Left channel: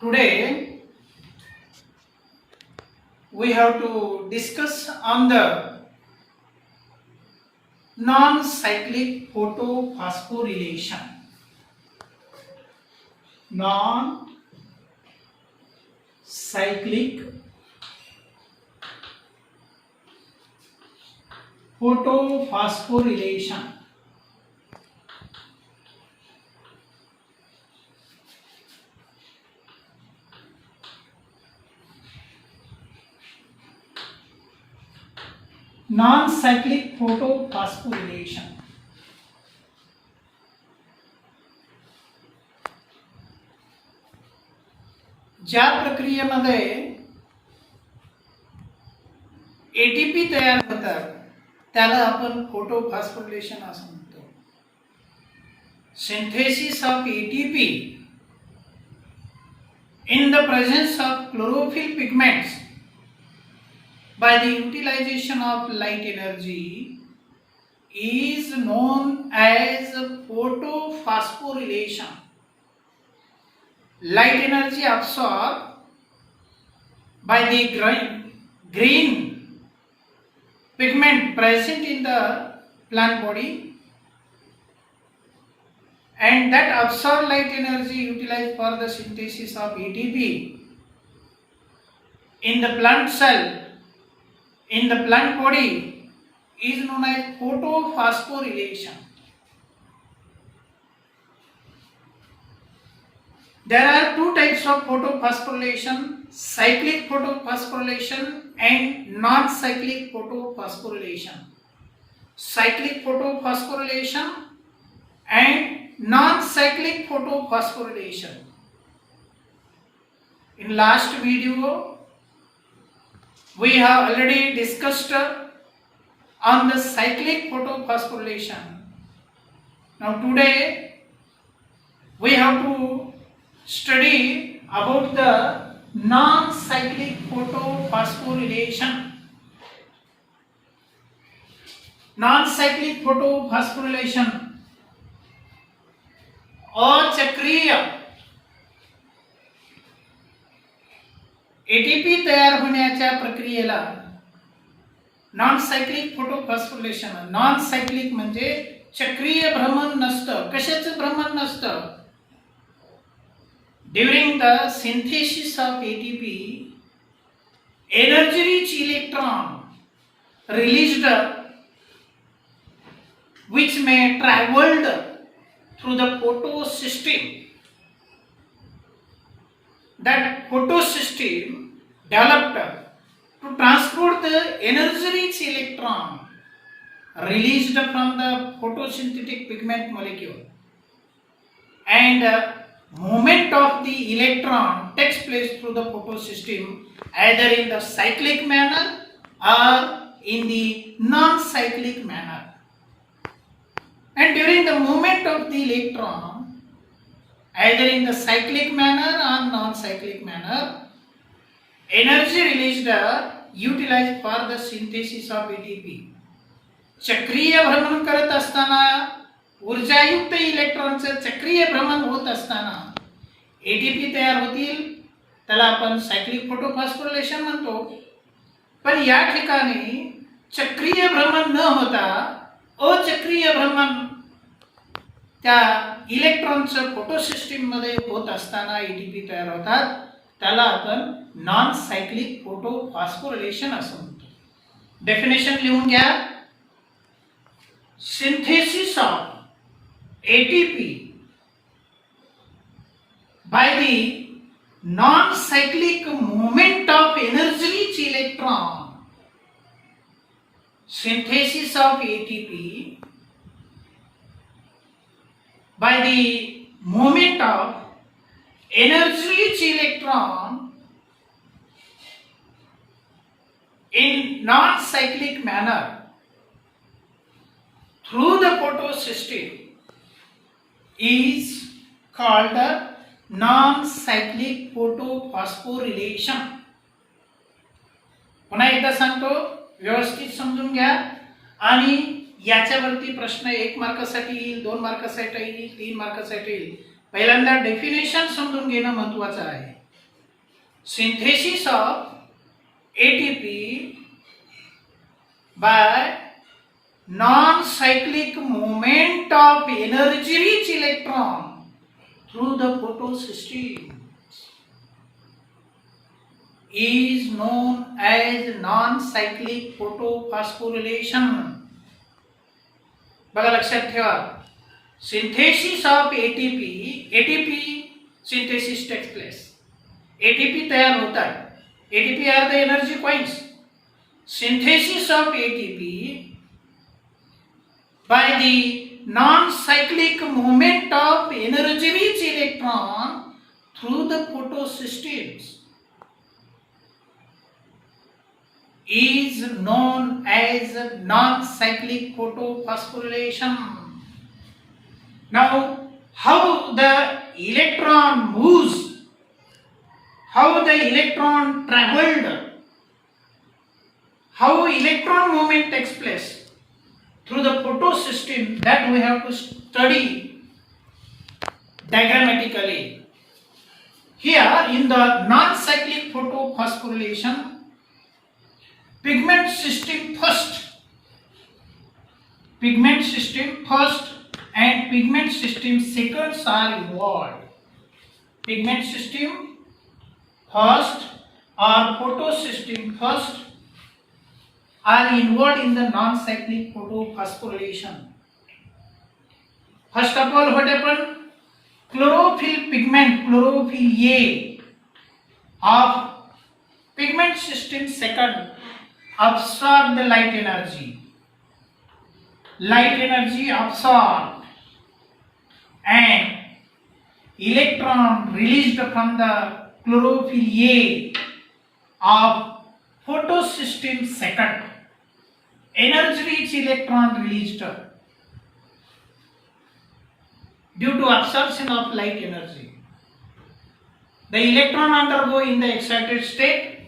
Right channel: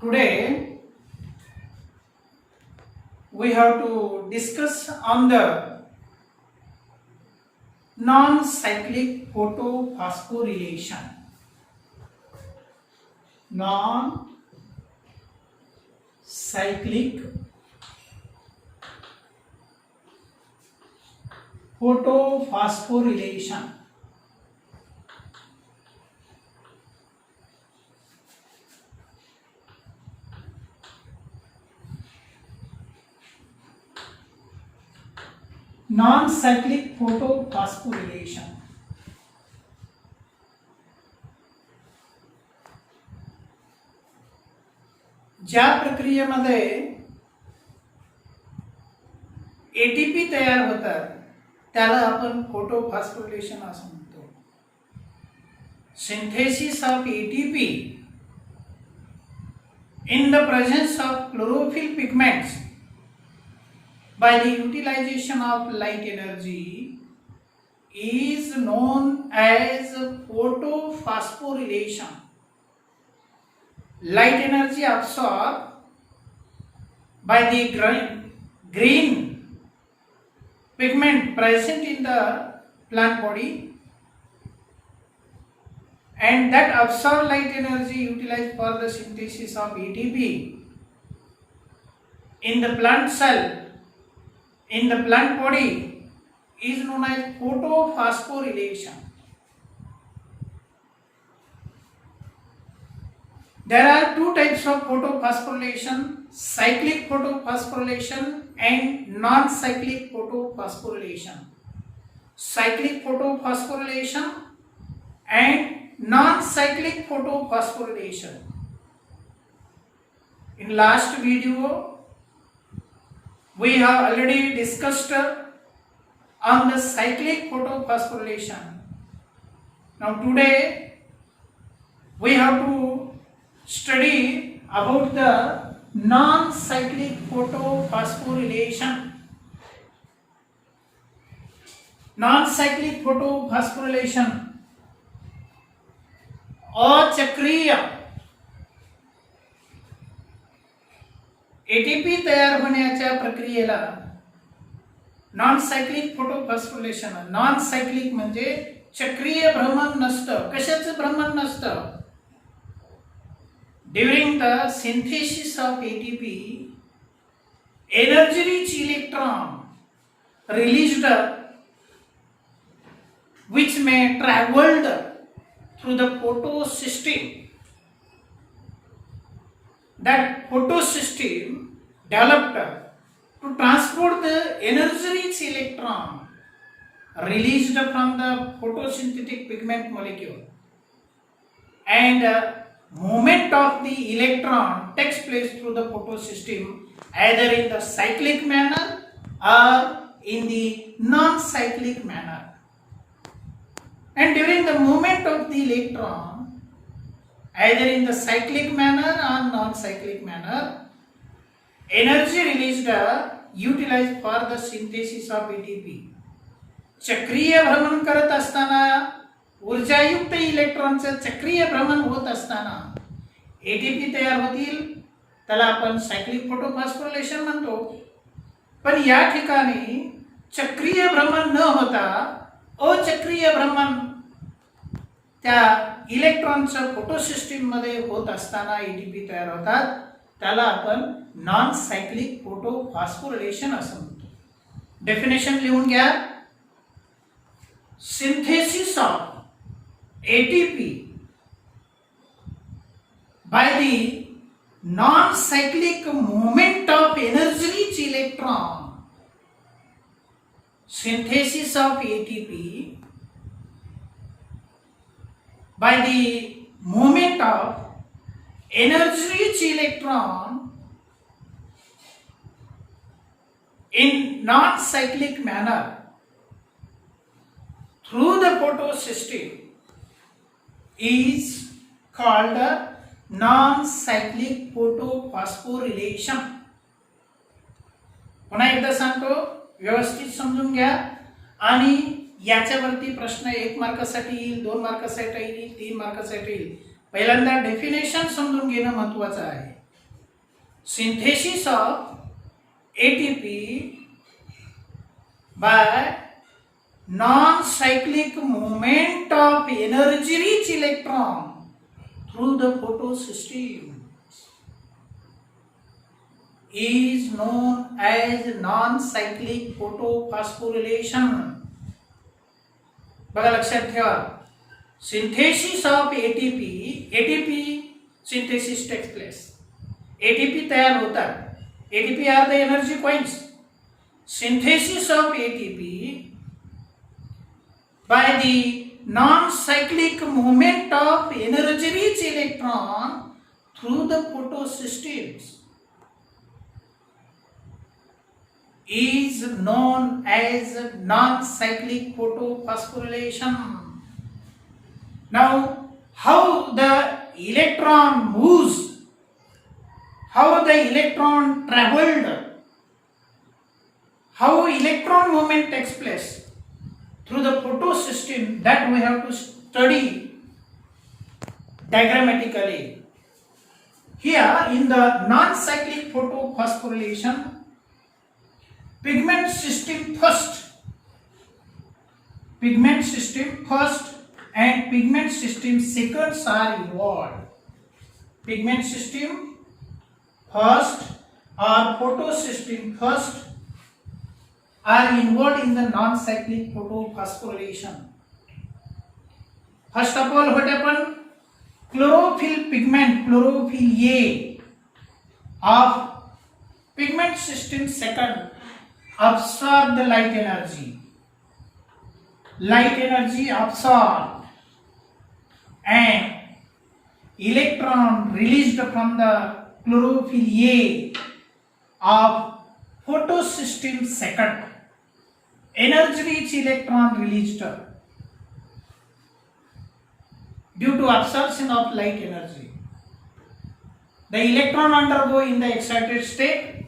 Today we have to discuss on the non-cyclic photophosphorylation. Non-cyclic photophosphorylation. Non-cyclic photophosphorylation. ज्या प्रक्रियेमध्ये ATP तयार होतात त्याला आपण फोटोफॉस्फोरिलेशन असं म्हणतो. Synthesis of ATP in the presence of chlorophyll pigments by the utilization of light energy is known as photophosphorylation. Light energy absorbed by the green pigment present in the plant body, and that absorbed light energy utilized for the synthesis of ATP in the plant cell, in the plant body, is known as photophosphorylation. There are two types of photophosphorylation: cyclic photophosphorylation and non-cyclic photophosphorylation. Cyclic photophosphorylation and non-cyclic photophosphorylation. In last video we have already discussed on the cyclic photophosphorylation. Now today we have to study about the non-cyclic photophosphorylation. Non-cyclic photophosphorylation अचक्रीय ATP तयार होण्याच्या प्रक्रियेला non cyclic photophosphorylation. Non cyclic म्हणजे चक्रीय भ्रमण नसतं. कशाचं भ्रमण नसतं? During the synthesis of ATP energy rich electron released which may traveled through the photosystem. That photosystem developed to transport the energy rich electron released from the photosynthetic pigment molecule, and movement of the electron takes place through the photosystem either in the cyclic manner or in the non-cyclic manner. And during the movement of the electron, either in the cyclic manner or non-cyclic manner, energy released utilized for the synthesis of ATP. चक्रीय भ्रमण करत असताना ऊर्जायुक्त इलेक्ट्रॉनचं चक्रीय भ्रमण होत असताना ATP तयार होतील, त्याला आपण सायक्लिक फोटोफॉस्फोरिलेशन म्हणतो. पण या ठिकाणी चक्रीय भ्रमण न होता अचक्रीय भ्रमण त्या इलेक्ट्रॉनचं फोटोसिस्टीम मध्ये होत असताना एटीपी तयार होतात, त्याला आपण नॉन सायक्लिक फोटोफॉस्फोरिलेशन असं म्हणतो. डेफिनेशन लिहून घ्या. Synthesis of ATP by the non cyclic movement of energy rich electron. Synthesis of ATP by the movement of energy rich electron in non-cyclic manner through the photosystem is called non-cyclic photophosphorylation. पुन्हा एकदा सांगतो, व्यवस्थित समजून घ्या. आणि याच्यावरती प्रश्न 1 मार्कासाठी येईल, 2 मार्कासाठी येईल, 3 मार्कासाठी येईल. पहिल्यांदा डेफिनेशन समजून घेणं महत्त्वाचं आहे. synthesis of ATP by non-cyclic movement of energy-rich electron through the photosystem is known as non-cyclic photophosphorylation. बघा लक्षात ठेवा, synthesis of ATP synthesis takes place, ATP तयार होता है, ATP are the energy coins. Synthesis of ATP by the non-cyclic movement of energy-rich electron through the photosystems is known as non-cyclic photophosphorylation. Now, how the electron moves, how the electron traveled, how electron movement takes place through the photosystem, that we have to study diagrammatically. Here in the non-cyclic photophosphorylation, pigment system first and pigment system seconds are involved. Pigment system first or photosystem first are involved in the non-cyclic photophosphorylation. First of all, what happened? Chlorophyll pigment, chlorophyll A of pigment system second absorb the light energy. Light energy absorbed and electron released from the chlorophyll A of photosystem second. Energy-rich electron released due to absorption of light energy. The electron undergo in the excited state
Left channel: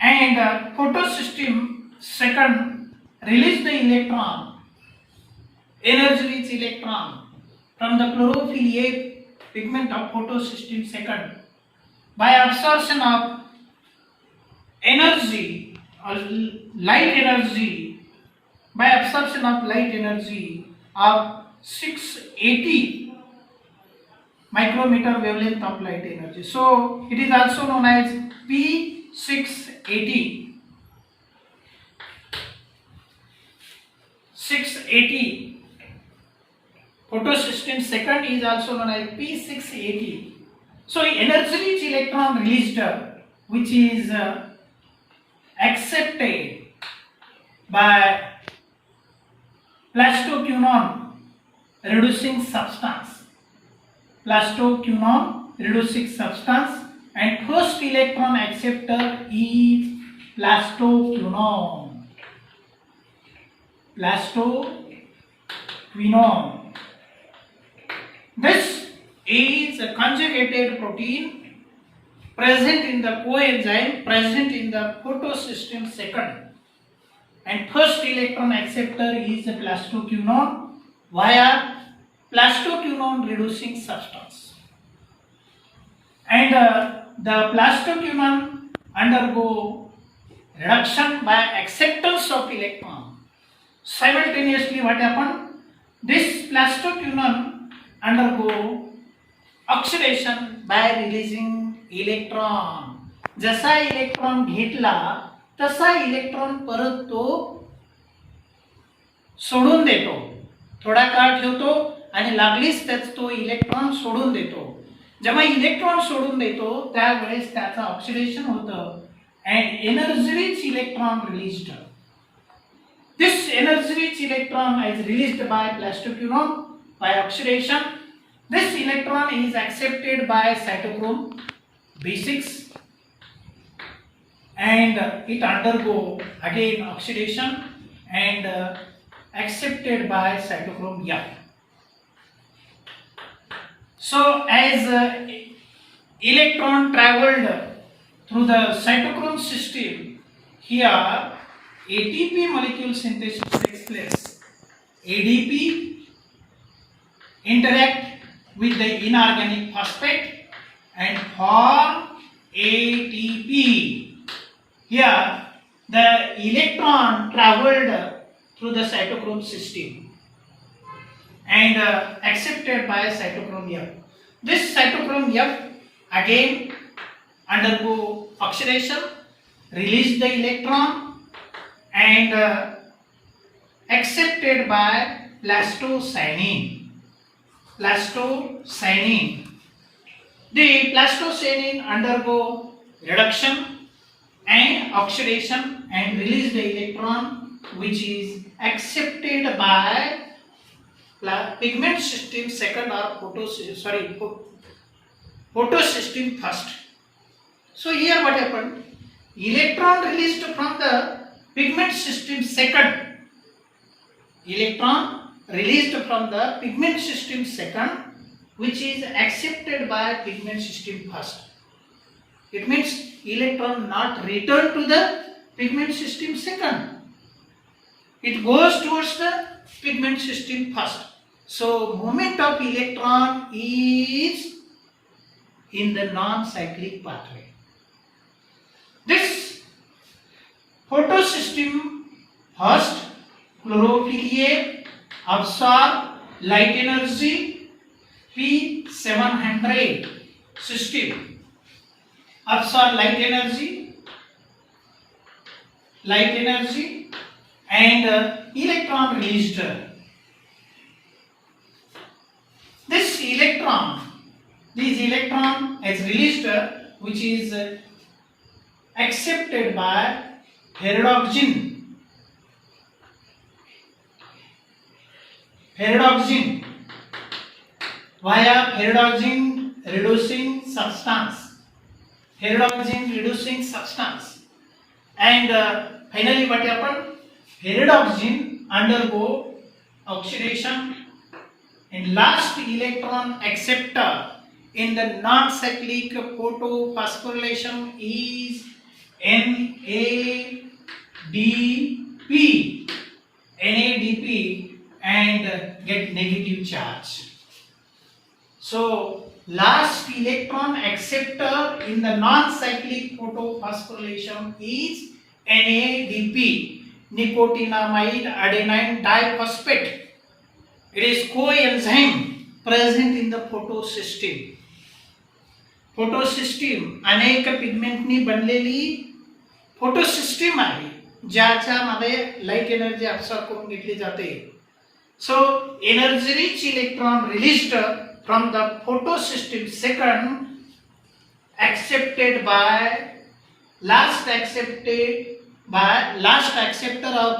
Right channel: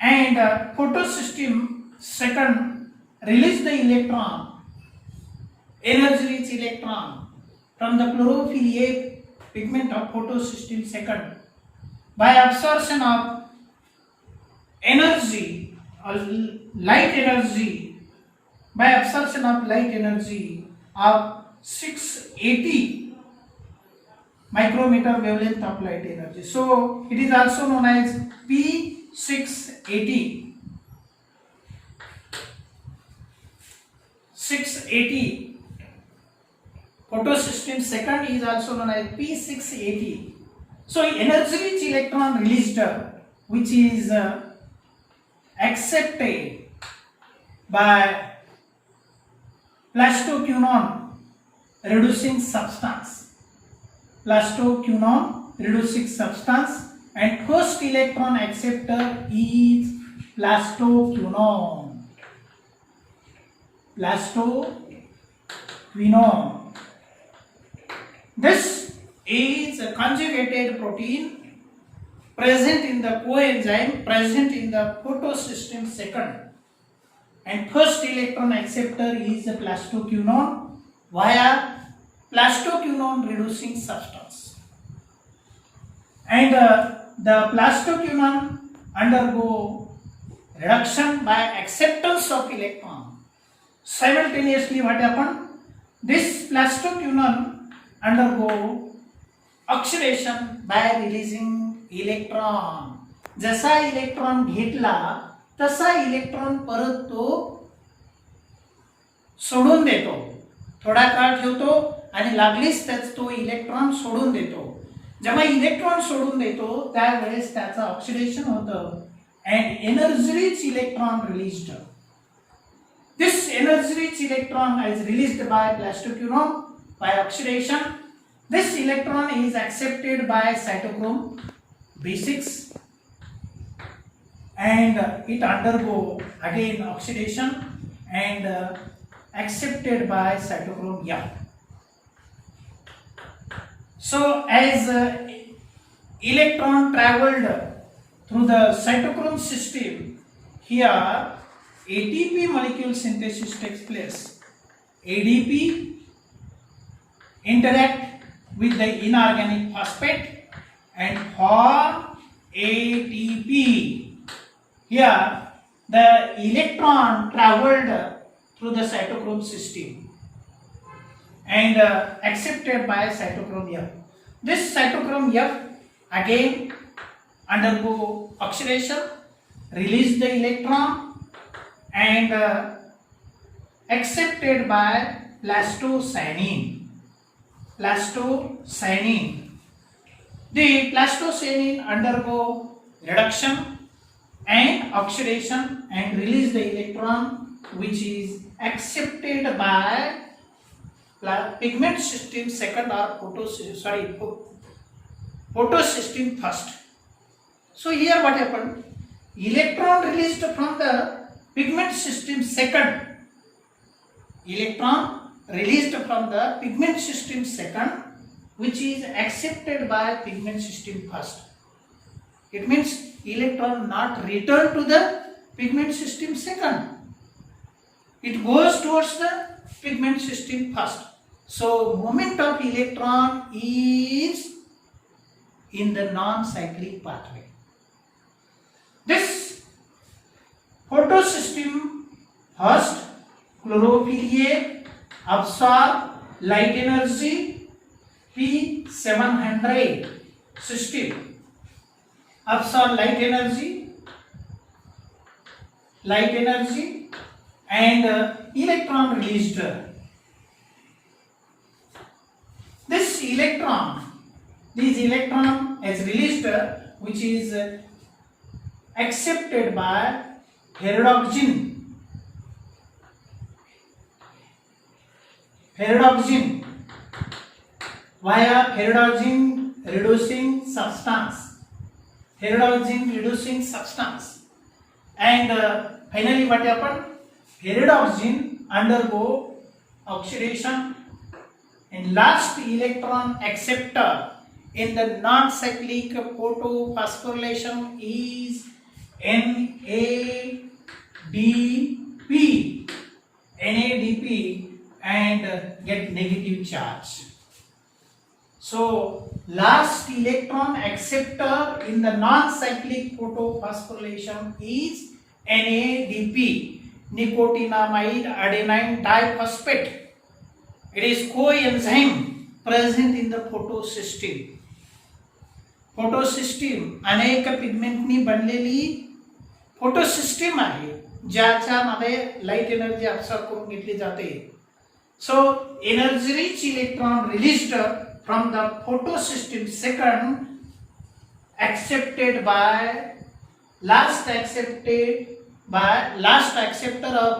and the photosystem second release the electron, energy-rich electron from the chlorophyll A pigment of photosystem second by absorption of energy or light energy, by absorption of light energy of 680 micrometer wavelength of light energy. So it is also known as P680. 680 photosystem second is also known as P680. So energy-rich electron released, which is accepted by plastoquinone reducing substance, and first electron acceptor is plastoquinone. This is a conjugated protein present in the coenzyme present in the photosystem second, and first electron acceptor is the plastoquinone via plastoquinone reducing substance, and the plastoquinone undergo reduction by acceptance of electron. Simultaneously, what happened? This plastoquinone undergo oxidation by releasing electron. जसा electron घेतला तसा electron परत तो सोडून देतो, थोडा काळ ठेवतो आणि लागलीच त्याच तो इलेक्ट्रॉन सोडून देतो. जेव्हा इलेक्ट्रॉन सोडून देतो त्यावेळेस त्याचं ऑक्सिडेशन होतं and energy-rich electron released. This energy-rich electron is released by plastoquinone by oxidation. This electron is accepted by cytochrome B6 and it undergo again oxidation and accepted by cytochrome F. So as electron traveled through the cytochrome system, here ATP molecule synthesis takes place. ADP interact with the inorganic phosphate and form ATP. Here the electron traveled through the cytochrome system and accepted by cytochrome F. This cytochrome F again undergo oxidation, release the electron and accepted by plastocyanin. The plastocyanin undergo reduction and oxidation and release the electron, which is accepted by pigment system second or photosystem first. So here what happened? Electron released from the pigment system second. Electron released from the pigment system second, which is accepted by pigment system first. It means electron not return to the pigment system second. It goes towards the pigment system first. So movement of electron is in the non-cyclic pathway. This photosystem first, chlorophyll A absorb light energy, P700 system absorb light energy and electron released. This electron is released, which is accepted by pyridoxine via pyridoxine reducing substance, and finally what happened? Pyridoxine undergo oxidation and last electron acceptor in the non-cyclic photophosphorylation is NADP and get negative charge. So last electron acceptor in the non-cyclic photophosphorylation is NADP, nicotinamide adenine diphosphate. It is coenzyme present in the photosystem. अनेक पिगमेंटनी बनलेली photosystem आहे, ज्याच्यामध्ये light energy absorb करून घेतली जाते. So energy rich electron released from the photosystem second accepted by last acceptor of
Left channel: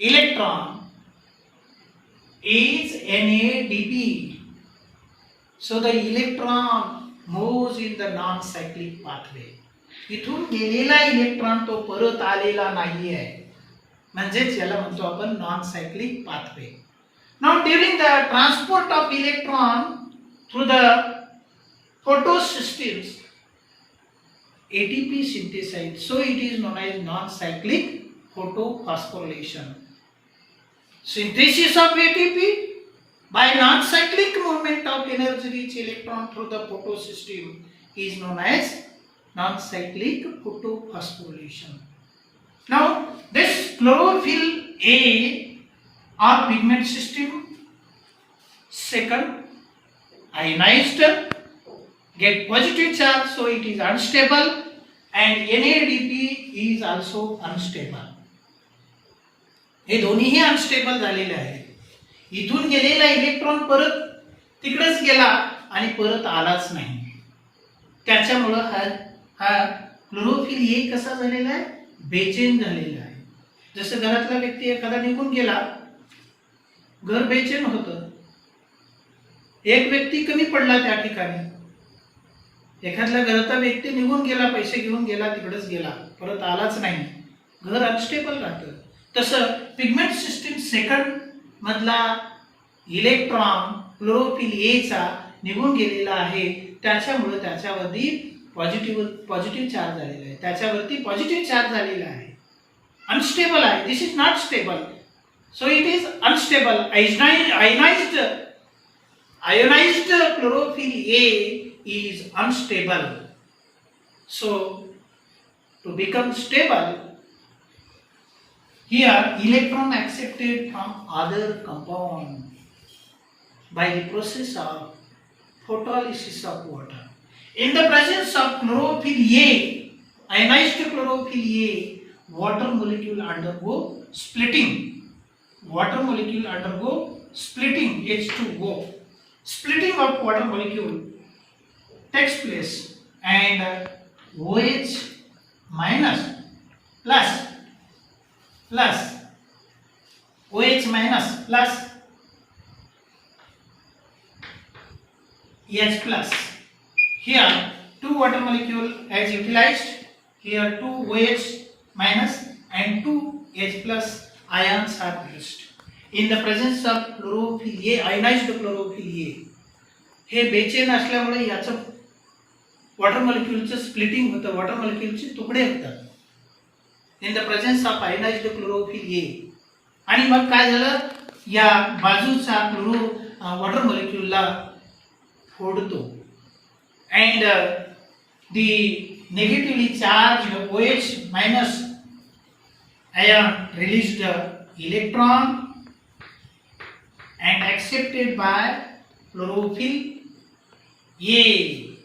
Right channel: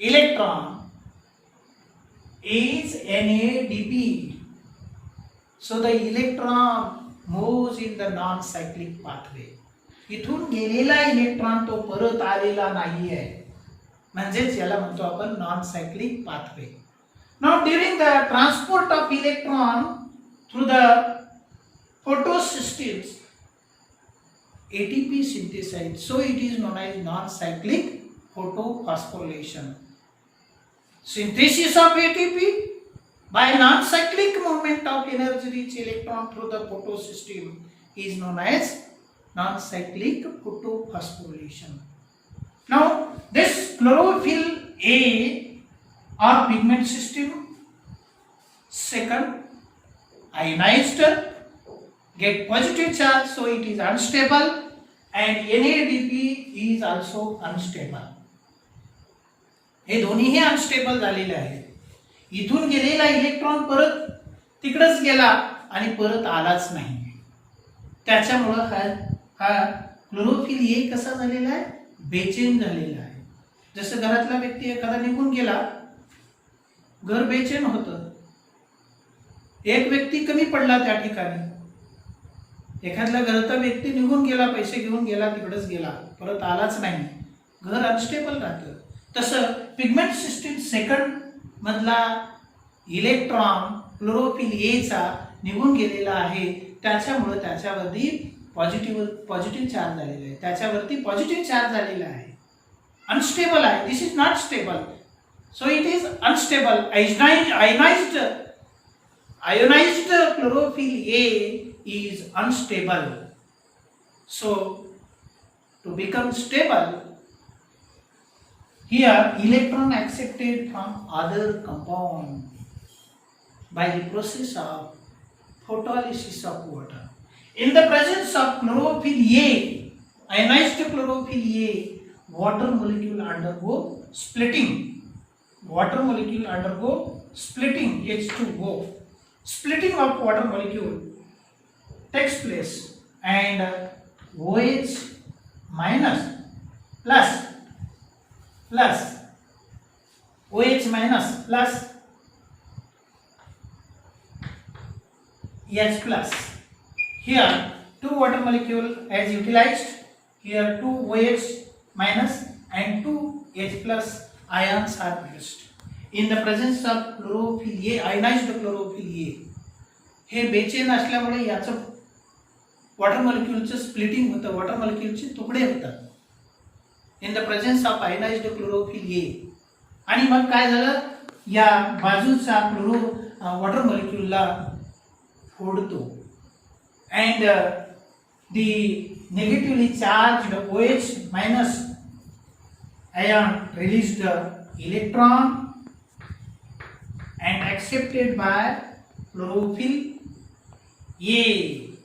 electron is NADP. So the electron moves in the non-cyclic pathway. इथून गेलेला electron तो परत आलेला नाहीये, म्हणजेच याला म्हणतो आपण non cyclic pathway. Now during the transport of electron through the photosystems, ATP synthesized, so it is known as non-cyclic photophosphorylation. Synthesis of ATP by non-cyclic movement of energy-rich electron through the photosystem is known as non-cyclic photophosphorylation. Now this chlorophyll A or pigment system second ionized get positive charge, so it is unstable, and NADP is also unstable. हे दोन्हीही unstable झालेले आहेत. इथून गेलेला electron परत तिकडेच गेला आणि परत आलाच नाही. त्याच्यामुळे हा क्लोरोफिल ए कसा झालेला आहे, बेचैन झालेला आहे. जसं घरातला व्यक्ती एखादा निघून गेला, घर बेचैन होतं. एक व्यक्ती कमी पडला त्या ठिकाणी, एखादा घरातला व्यक्ती निघून गेला, पैसे घेऊन गेला, तिकडेच गेला, परत आलाच नाही, घर अनस्टेबल राहतं. तसं पिगमेंट सिस्टीम सेकंड मधला इलेक्ट्रॉन क्लोरोफिल ए चा निघून गेलेला आहे, त्याच्यामुळे त्याच्यावरती पॉझिटिव्ह चार्ज झालेला आहे. त्याच्यावरती पॉझिटिव्ह चार्ज झालेला आहे, अनस्टेबल आहे. This is not stable, so it is unstable. Ionized chlorophyll A is unstable. So to become stable, here electron accepted from other compound by the process of photolysis of water. In the presence of chlorophyll A, ionized chlorophyll A, water molecule undergo splitting. Water molecule undergo splitting, H2O. Splitting of water molecule takes place and OH minus plus OH minus plus H plus. Here two water molecule as utilized. Here two OH minus and two H plus ions are produced. In the presence of chlorophyll A, ionized chlorophyll A, हे बेचैन असल्यामुळे याचं water मॉलिक्यूलचे splitting होतं, water मॉलिक्यूलचे तुकडे होतात in the presence of ionized chlorophyll A. आणि मग काय झालं, या बाजूचा क्लोरो वॉटर मॉलिक्यूलला फोडतो and the negatively charged OH minus ion released electron and accepted by chlorophyll A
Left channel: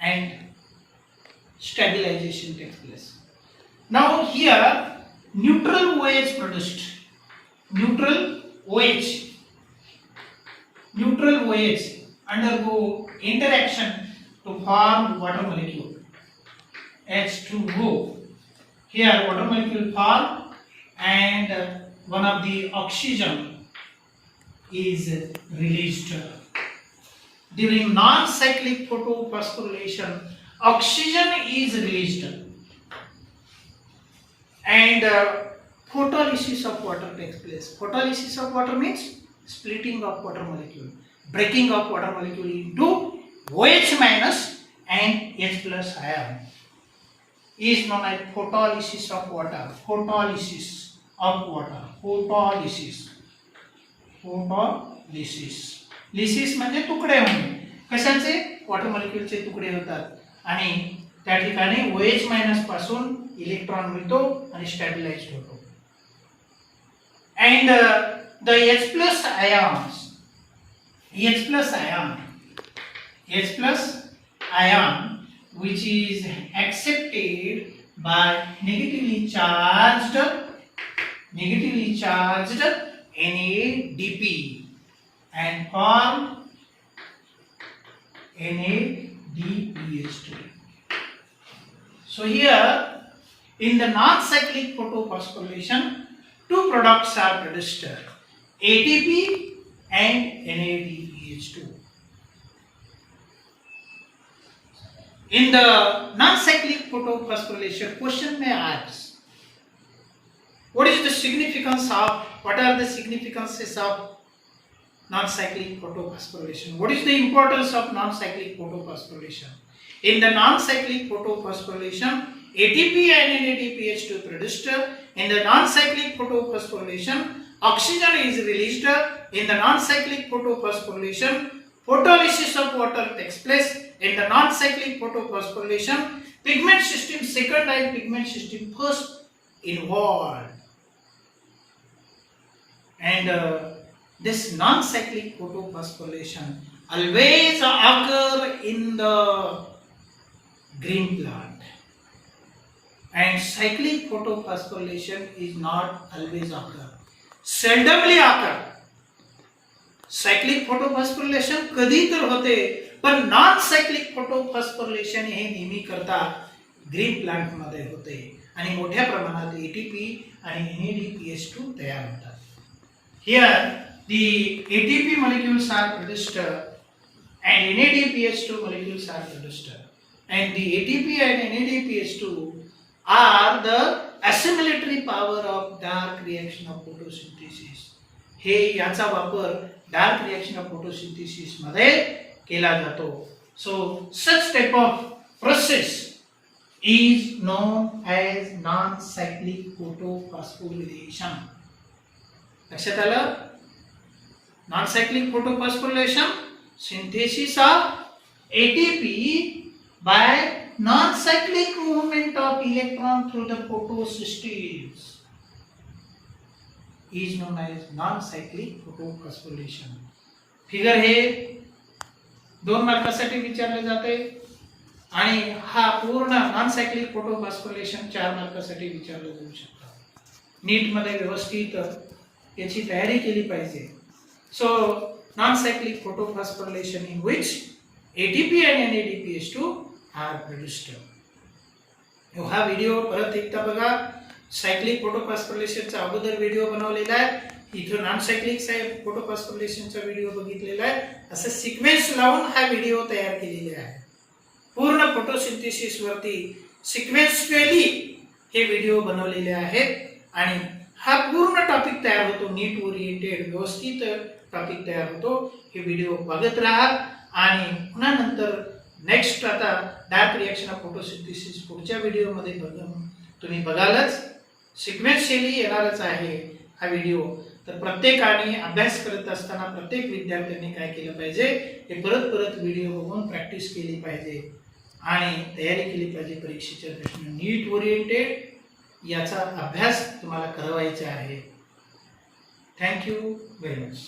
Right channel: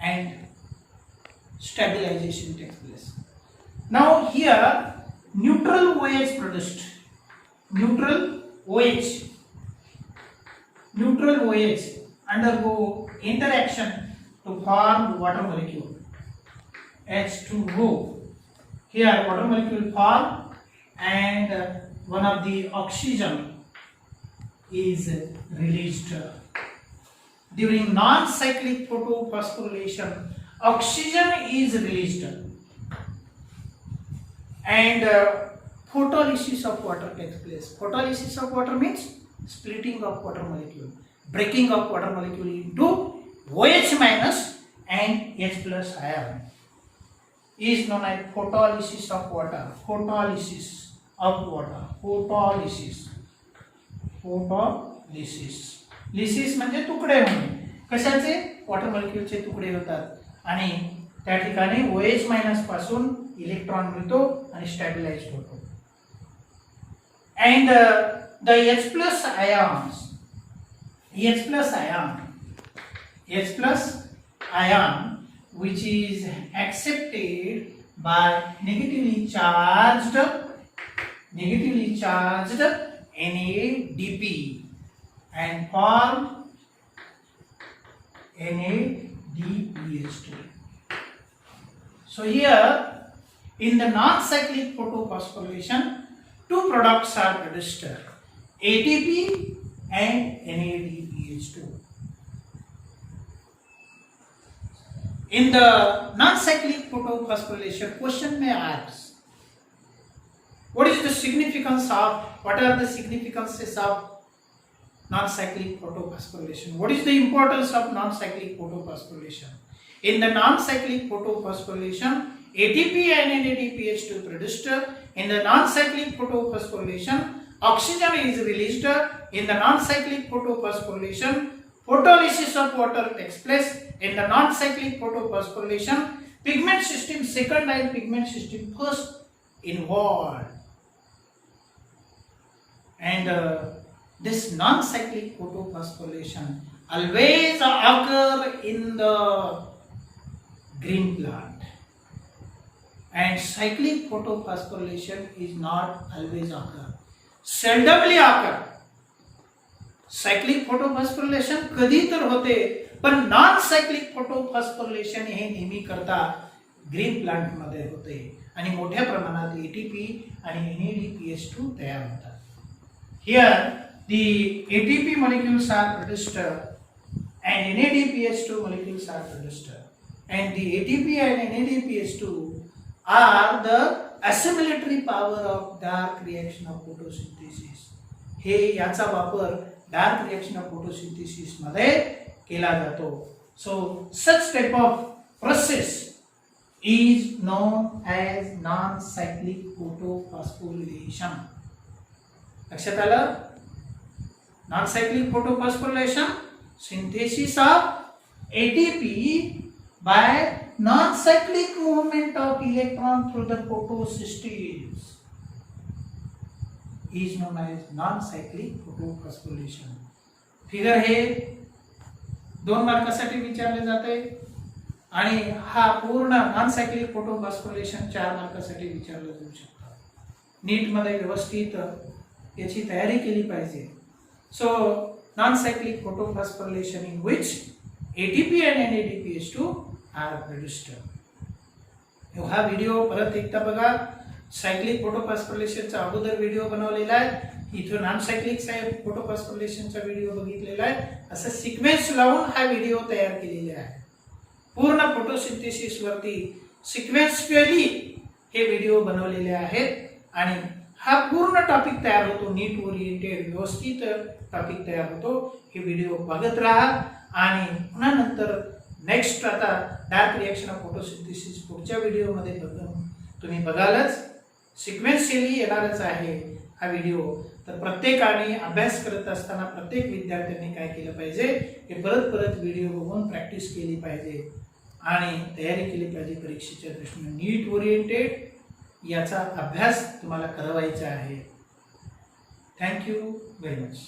and stabilization takes place. Now here neutral OH produced. Neutral OH undergo interaction to form water molecule H2O. Here water molecule form and one of the oxygen is released. During non-cyclic photophosphorylation, oxygen is released and photolysis of water takes place. Photolysis of water means splitting of water molecule, breaking of water molecule into OH minus and H plus ion is known as photolysis of water. Photolysis of water. Lysis म्हणजे तुकडे होणे. कशाचे? Water मॉलिक्यूलचे तुकडे होतात आणि त्या ठिकाणी OH मायनस पासून इलेक्ट्रॉन मिळतो आणि स्टॅबिलाइज्ड होतो. And the H plus ion which is accepted by negatively charged NADP and form NADPH2. So here in the non-cyclic photophosphorylation, two products are produced, ATP and NADPH2. In the non-cyclic photophosphorylation, question may ask, what are the significances of non-cyclic photophosphorylation? What is the importance of non-cyclic photophosphorylation? In the non-cyclic photophosphorylation, ATP and NADPH2 produced. In the non-cyclic photophosphorylation, oxygen is released. In the non-cyclic photophosphorylation, photolysis of water takes place. In the non-cyclic photophosphorylation, pigment system second and pigment system first involved. And this non-cyclic photophosphorylation always occur in the green plant, and cyclic photophosphorylation is not always occur, seldomly occur. Cyclic photophosphorylation कधी तर होते, पण non cyclic photophosphorylation हे नेहमी करता green plant मध्ये होते आणि मोठ्या प्रमाणात ATP आणि NADPH2 तयार होतात. Here the ATP molecules are produced and NADPH2 molecules are produced, and the ATP and NADPH2 are the assimilatory power of dark reaction of photosynthesis. हे याचा वापर डार्क रिएक्शन ऑफ फोटोसिंथेसिस मध्ये केला जातो. So such type of process is known as non cyclic photophosphorylation. लक्षात आलं? Non cyclic photophosphorylation, synthesis of ATP by non-cyclic movement of electron through the photosystems is known as non-cyclic photophosphorylation. Figure हे 2 मार्कासाठी विचारले जाते आणि हा पूर्ण non-cyclic photophosphorylation 4 मार्कासाठी विचारलं जाऊ शकतं. नीट मध्ये व्यवस्थित याची तयारी केली पाहिजे. सो non-cyclic photophosphorilation in which ATP and NADPH2 are produced. हा व्हिडिओ परत एकदा बघा. सायक्लिक फोटोफॉस्फोरिलेशनचा अगोदर व्हिडिओ बनवलेला आहे, इथं नॉन सायक्लिक फोटोफॉस्फोरिलेशनचा व्हिडिओ बघितलेला आहे. असं सिक्वेन्स लावून हा व्हिडिओ तयार केलेला आहे. पूर्ण फोटोसिंथेसिस वरती सिक्वेन्शियली हे व्हिडिओ बनवलेले आहेत आणि हा पूर्ण टॉपिक तयार होतो. नीट ओरिएंटेड व्यवस्थित टॉपिक तयार होतो. हे व्हिडिओ बघत राहा आणि पुन्हा नंतर नेक्स्ट आता डार्क रिएक्शन ऑफ फोटोसिंथेसिस पुढच्या व्हिडिओमध्ये तुम्ही बघालच. सिक्वेन्शियली येणारच आहे हा व्हिडिओ. तर प्रत्येकाने अभ्यास करत असताना प्रत्येक विद्यार्थ्यांनी काय केलं पाहिजे, हे परत परत व्हिडिओ बघून प्रॅक्टिस केली पाहिजे आणि तयारी केली पाहिजे परीक्षेच्या दृष्टीने. नीट ओरिएंटेड याचा अभ्यास तुम्हाला करावायचा आहे. Thank you very much.